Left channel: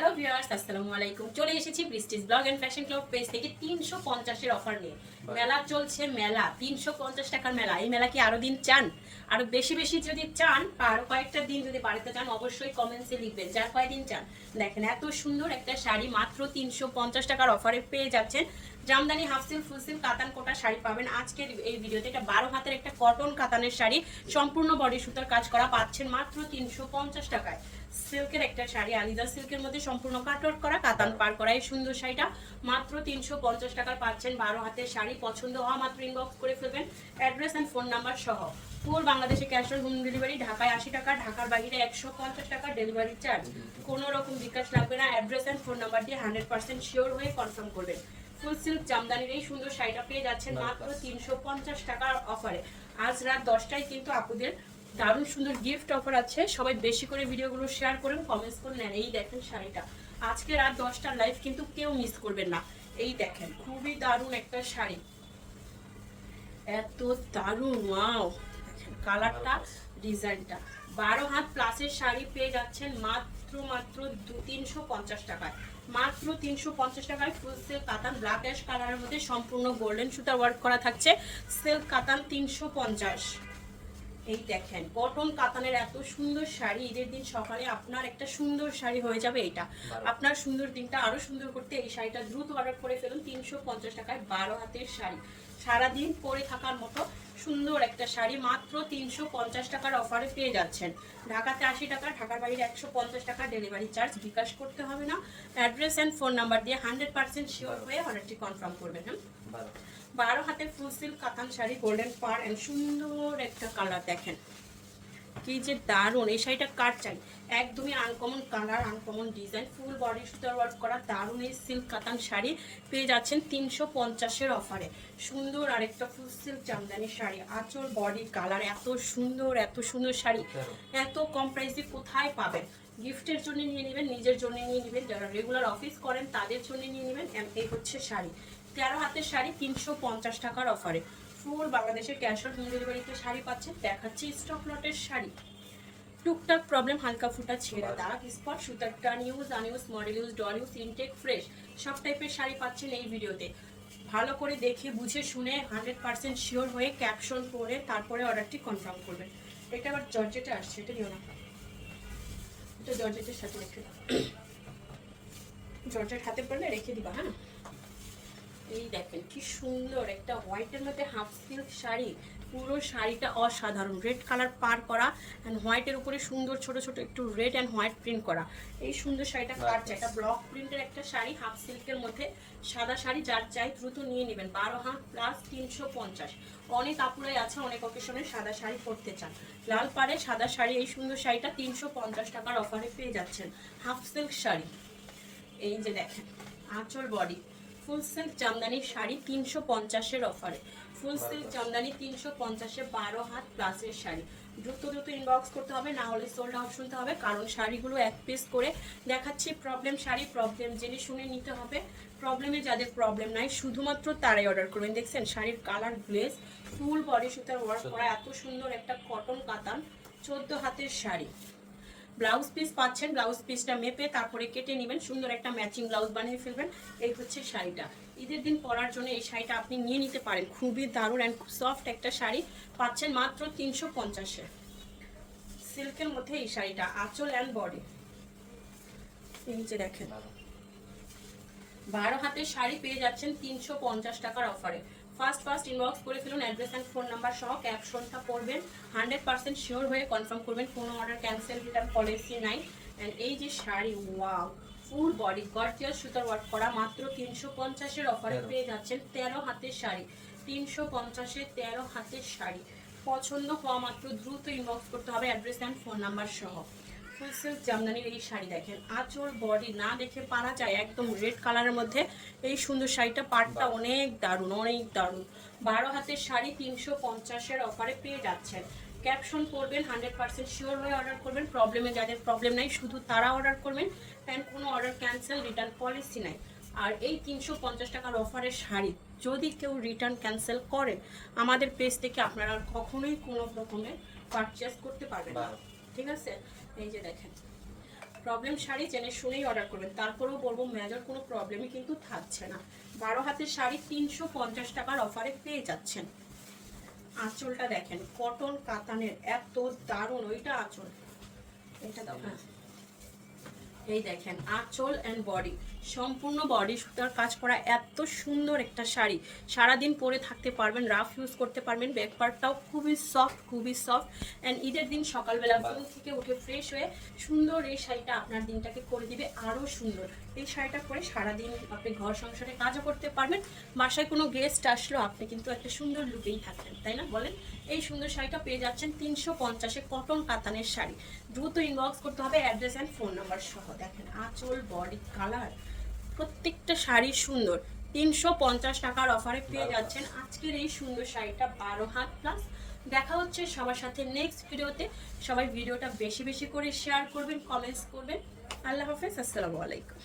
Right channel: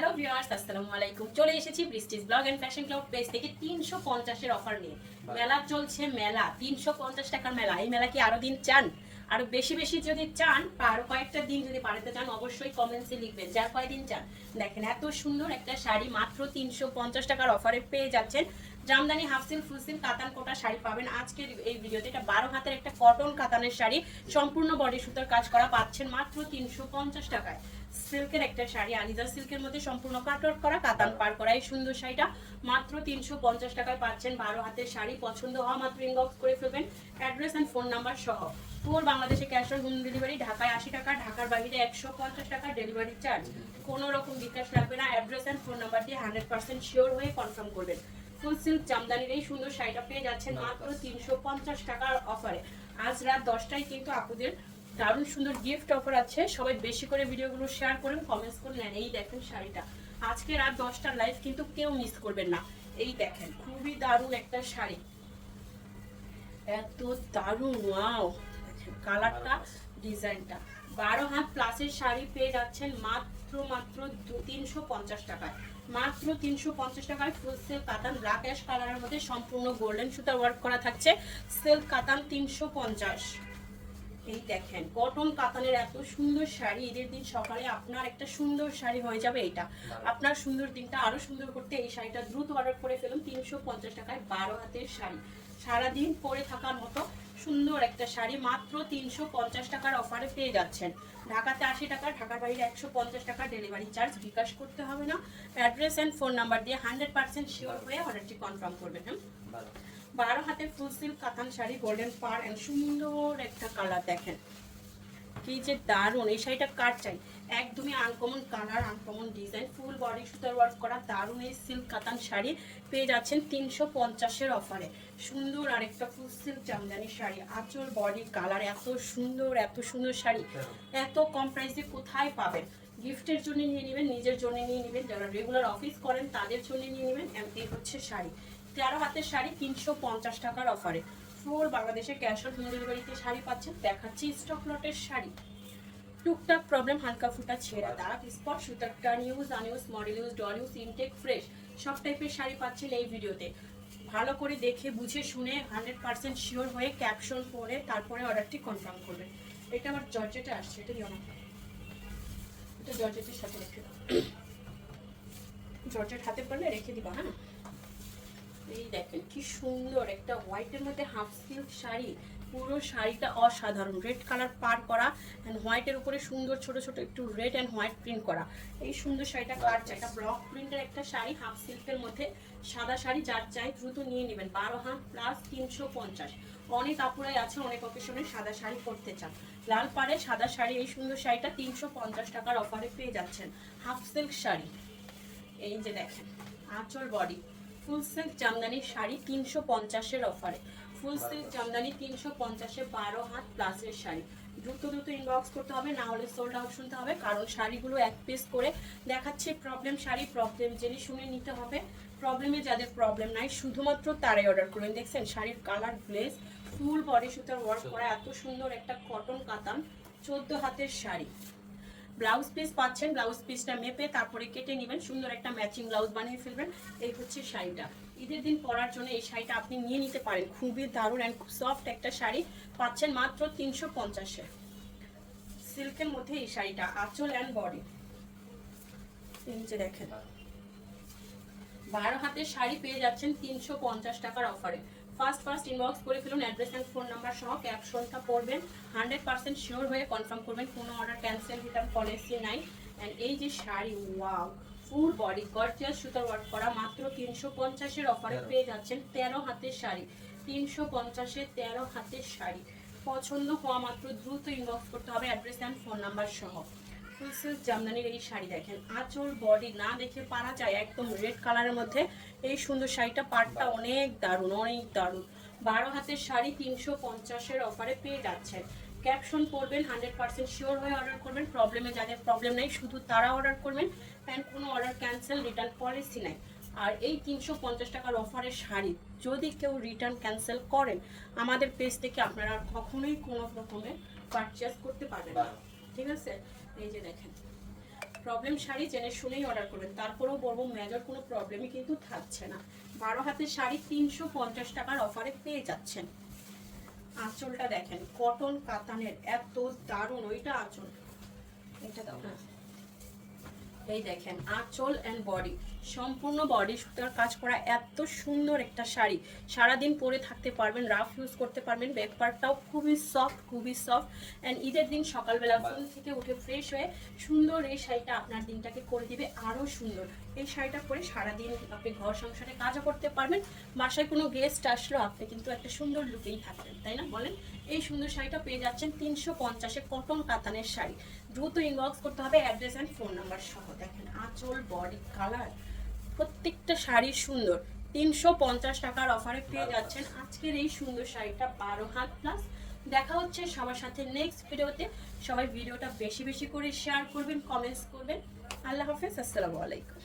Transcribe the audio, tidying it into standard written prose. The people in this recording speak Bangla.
হ্যালো ভিউয়ার্স, আসসালামু আলাইকুম। চলে এসেছি Prestige blog and fashion club page থেকে 350 এর অফার নিয়ে। মেলা চলছে, মেলা 350 টাকার মেলা। এই মেলা কি আরো দিন চান? আরো বেশি বেশি যদি চান, আর কয়েকটা দিন যদি বাড়িতে চান, অবশ্যই কমেন্টসে লিখবেন যার কয়দিন চান। দেখেন এত সুন্দর একটা শাড়ি মাত্র 350 টাকার অফারে পেয়ে যাচ্ছেন। জামদানি হাফ সিল্ক, ফুল সিল্ক, কাতান কোটা শাড়ি পাবেন আজকের এই ভিডিওতে। এটা 12 হাতের একটা কটন কাতানের শাড়ি, সম্পূর্ণ বডি সুতার কাজ করা, পাচ্ছেন মাত্র 350 টাকায়। সিল্কের একটা শাড়ি, আলিজা সিল্কের মধ্যে সম্পূর্ণ কাটওয়ার্ক করা, কাতান পার করা, এই সুন্দর শাড়িটা মাত্র 350 টাকায় পাচ্ছেন। 12 হাতের শাড়ি, পছন্দ হওয়া মাত্র ইনবক্স করে ফেলবেন অ্যাড্রেস এন্ড ফোন নাম্বার সহ। পুরো বাংলাদেশে ক্যাশ অন হোম ডেলিভারি। ঢাকায় 80 টাকা, ঢাকার বাইরে 150 টাকা ডেলিভারি চার্জ। কোনো রকম বিকাশ লাগবে না। অ্যাড্রেস এন্ড ফোন নাম্বার দিয়ে 100% শিওর হয়ে কনফার্ম করবেন। ফুল সিল্ক জামদানির এই সুন্দর শাড়িটা পেয়ে যাচ্ছেন মাত্র 350 টাকার অফারে। আজ রাত 10টায় কিন্তু আপুদের দারুণ সুন্দর গিফট অফার আছে। সবাই বেশি করে ভিডিওগুলো শেয়ার করুন, কমেন্টস করে নেন। এই দেখেন শাড়িটা, আজকে রাত 10টার লাইভ কিন্তু কেউ মিস করবেন না। এই দেখেন খুবই দারুণ একটা শাড়ি, এত দারুণ, ওয়াও! কালারটা, ডিজাইনটা। 12 হাত প্লাসের শাড়ি পেয়ে যাচ্ছেন মাত্র 350 টাকায়। মাত্র 350 টাকায় ফুল সিল্ক কাতান ব্ল্যাক অ্যাশ কালারের মধ্যে সম্পূর্ণ গোল্ডেন সুতা ওয়ার্ক করা থাকছে। সিল্ক কাতান 350। এই দেখেন কটন কাতানের এত সুন্দর শাড়ি। ঈদের দিন সকালে আপনার একটা সুন্দর শাড়ি হয়ে যাবে। এটা আপনার সুন্দর দিনটা আরো সুন্দর করতে এই শাড়িটা দ্রুত অর্ডার করে ফেলুন। 350 টাকায় 12 হাতের শাড়ি, সারাদিন পরে থাকার মতো সুন্দর একটা শাড়ি মাত্র 350 টাকার অফারে পেয়ে যাচ্ছেন। ঢাকাতে 80 টাকা, ঢাকার বাইরে 150 টাকা ডেলিভারি চার্জ। বিকাশ করতে হবে না। অ্যাড্রেস অ্যান্ড ফোন নাম্বার দিয়ে 100% শিওর হয়ে অর্ডারটি কনফার্ম করবেন। 12 হাতে ফুল সিল্ক কাতান শাড়ি, গোল্ডেন পার এন্ড সুন্দর একটা কালার। দেখেন কি যে দারুণ! এই শাড়িটা কার চাই? একদমই uncommon colour, uncommon design, full body সুতার ওয়ার্ক করা দারুণ এই সিল্ক কাতান শাড়ি পেয়ে যাচ্ছেন 350-এর অফারে। সুন্দর আরেকটা ফুল সিল্ক জামদানি শাড়ি, আঁচল বডি কালার, এত সুন্দর শাড়ি এত কম প্রাইসে কোথায় পাবেন? গিফটের জন্য নিয়ে নেবেন, নিজের জন্য নিয়ে নেবেন, যারা রেগুলার অফিস করেন তাদের জন্য নিয়ে নেবেন। এই হচ্ছে শাড়ি, 13 হাতের শাড়ি 350 টাকার অফারে। ফুল বাংলাদেশে ক্যাশ অন হোম ডেলিভারিতে শাড়ি পাচ্ছেন। দেখাচ্ছি স্টক লটের শাড়ি। টুকটাক প্রবলেম, হালকা ফুটা ছেড়ে দাগ, স্পট, সুতার টান, use unused, model use, doll use, intact, fresh সব টাইপের শাড়ি পাচ্ছেন এই ভিডিওতে। ভালো করে দেখে বুঝে শুনে 100% শিওর হয়ে ক্যাপশন করে তারপরে অর্ডারটি কনফার্ম করবেন। এটা আবার জর্জেটে আসছে, এটা নিও না, এটা জর্জেটের সাথে রেখে দাও। জর্জেট হাতে পড়লে রেখে দিবা। হ্যাঁ, এই দেখেন কি সুন্দর একটা হোয়াইটের মধ্যে হাফ সিল্ক শাড়ি। পুরো শাড়িটা অসাধারণ, রেড কালার পার করা এন্ড হোয়াইটের উপরে সুন্দর ছোট ছোট একটু রেড এন্ড হোয়াইট প্রিন্ট করা। এই সুন্দর শাড়িটা কার চাই? এটা ব্লক প্রিন্টের একটা শাড়ি, হাফ সিল্কের মধ্যে সাদা শাড়ি, যার চাই দ্রুত নিয়ে নেবেন। 12 হাত প্লাস 350। অনেক আপুরাই আছে অনেক অকেশনে সাদা শাড়ি পরতে চান, লাল পাড়ে সাদা শাড়ি। এই সুন্দর শাড়িটা 350 টাকার অফারে পেয়ে যাচ্ছেন। হাফ সিল্ক শাড়ি, এই যে দেখেন আঁচল বডি, ফুল সিল্ক জামদানি শাড়ি 350-এর অফারে। ফুল সিল্ক জামদানি 350-এ 12 হাত প্লাসের শাড়ি। দ্রুত ইনবক্স করতে হবে, না হলে সোল্ড আউট শুনতে হবে, কারণ শাড়িগুলো এক পিস করে দেখাচ্ছি। প্রবলেম শাড়ি, প্রবলেম জেনে শুনে নিতে হবে। প্রবলেমে যাদের প্রবলেম নাই শুধুমাত্র তারাই অর্ডার করবেন। দেখছেন শাড়ির কালার, গ্লেজ, ফুল বডি সুতার ওয়ার্ক করা, এত সুন্দর একটা কটন কাতান 14 হাতের শাড়ি। ব্লাউজ পিস পাচ্ছেন, ব্লাউজ পিসটা মেপে তারপরে কেটে নেবেন, সুন্দর একটা ম্যাচিং ব্লাউজ বানিয়ে ফেলবেন। এই হচ্ছে শাড়িটা, ঈদের দিন পরার জন্য এই শাড়িটা আপনি নিয়ে নিতে পারেন। খুবই দারুণ অ্যান্ড সফট একটা শাড়ি পাচ্ছেন মাত্র 350-এ। সিল্কের মধ্যে এই শাড়িটা, আঁচল অ্যান্ড বডি, এই যে দেখেন 12 হাতের শাড়ি পেয়ে যাচ্ছেন 350 টাকার অফারে। ফার্স্ট ইনবক্স করে ফেলুন, অ্যাড্রেস অ্যান্ড ফোন নাম্বার সহ ক্যাপশনটা পড়বেন, 100% শিওর হয়ে কনফার্ম করবেন। কোনো অর্ডার ক্যান্সেল রিটার্ন পলিসি নাই। অ্যান্ড এই যে sari, wow! Full body gorgeous সুতার ওয়ার্ক করা, মাত্র 350-এর অফারে পেয়ে যাচ্ছেন। 13 হাতের শাড়ি, 350-এ 13 হাতের শাড়ি। পছন্দ হওয়া মাত্র দ্রুত ইনবক্স করতে হবে, অ্যাড্রেস অ্যান্ড ফোন নাম্বার সহ। ফুল সিল্ক জামদানির এই শাড়ি দেখেন, আঁচল বডি না দেখে পারা যায়, একদম রেড কালারের মধ্যে এই সুন্দর শাড়িটা। পাড়টা অনেক দারুণ, অনেক দারুণ। 12 হাতের শাড়ি 350-এর অফারে পেয়ে যাচ্ছেন। ক্যাপশন করবেন, 100% শিওর হয়ে অর্ডার করবেন। প্রবলেমে যাদের প্রবলেম নাই শুধু তারা অর্ডার করবেন, অ্যান্ড কোনো অর্ডার ক্যান্সেল রিটার্ন পলিসি নাই। আর এই 350 টাকার অফারের শাড়ি যদি কেউ রিটার্ন ক্যান্সেল করেন, আমাদের পেজ থেকে আপনারা আর কখনোই কোনো রকমের পারচেস করতে পারবেন না। ঠিক আছে, এই যে দেখেন প্রবলেম শাড়ি জেনে শুনেই অর্ডার করবেন। তারপরেও বলবো মেজর কোনো প্রবলেমই কিন্তু থাকছে না। 12 হাতের শাড়ি 350 টাকার অফারে পেয়ে যাচ্ছেন। আঁচলটা দেখেন কটন কাতানের, এত দারুণ। ওইটা আঁচল, এটা দাও না। এই দেখেন আঁচল এন্ড বডি, সম্পূর্ণ বডি সুতার কাজ করা এত সুন্দর একটা শাড়ি। সারাদিন পরে থাকতে পারবেন, রাফ ইউজ করতে পারবেন। ব্যাক পার্টটাও খুবই সফট অ্যান্ড ঈদের দিন সকালবেলা ঘুম থেকে উঠে ফ্রেশ হয়ে সুন্দর এই শাড়িটা আপনার দিনটাকে করে দিবে আরও সুন্দর। এই শাড়িটা পরে সারাদিন আপনি ঘর সংসারে কাজও করতে পারবেন। বাসায় কোনো গেস্ট আসলো আপনি কিন্তু একটা সুন্দর লুকেই থাকবেন, তাই না বলেন? এই সুন্দর শাড়িটা পেয়ে যাচ্ছেন 350-এ কটন কাতানের শাড়ি। দ্রুত ইনবক্স করতে হবে অ্যাড্রেস অ্যান্ড ফোন নাম্বার সহ। দেখেন আঁচল, বডি, কালার, প্রত্যেকটা শাড়ি সুন্দর। 350 টাকার অফারে পেয়ে যাচ্ছেন আজকের এই সুন্দর শাড়িটা 12 হাত প্লাস। দেখা হচ্ছে সবার সাথে নেক্সট ভিডিওতে। সবাই ভিডিওটা বেশি বেশি করে শেয়ার করবেন, কমেন্টস করবেন। আল্লাহ হাফেজ, আসসালামু আলাইকুম।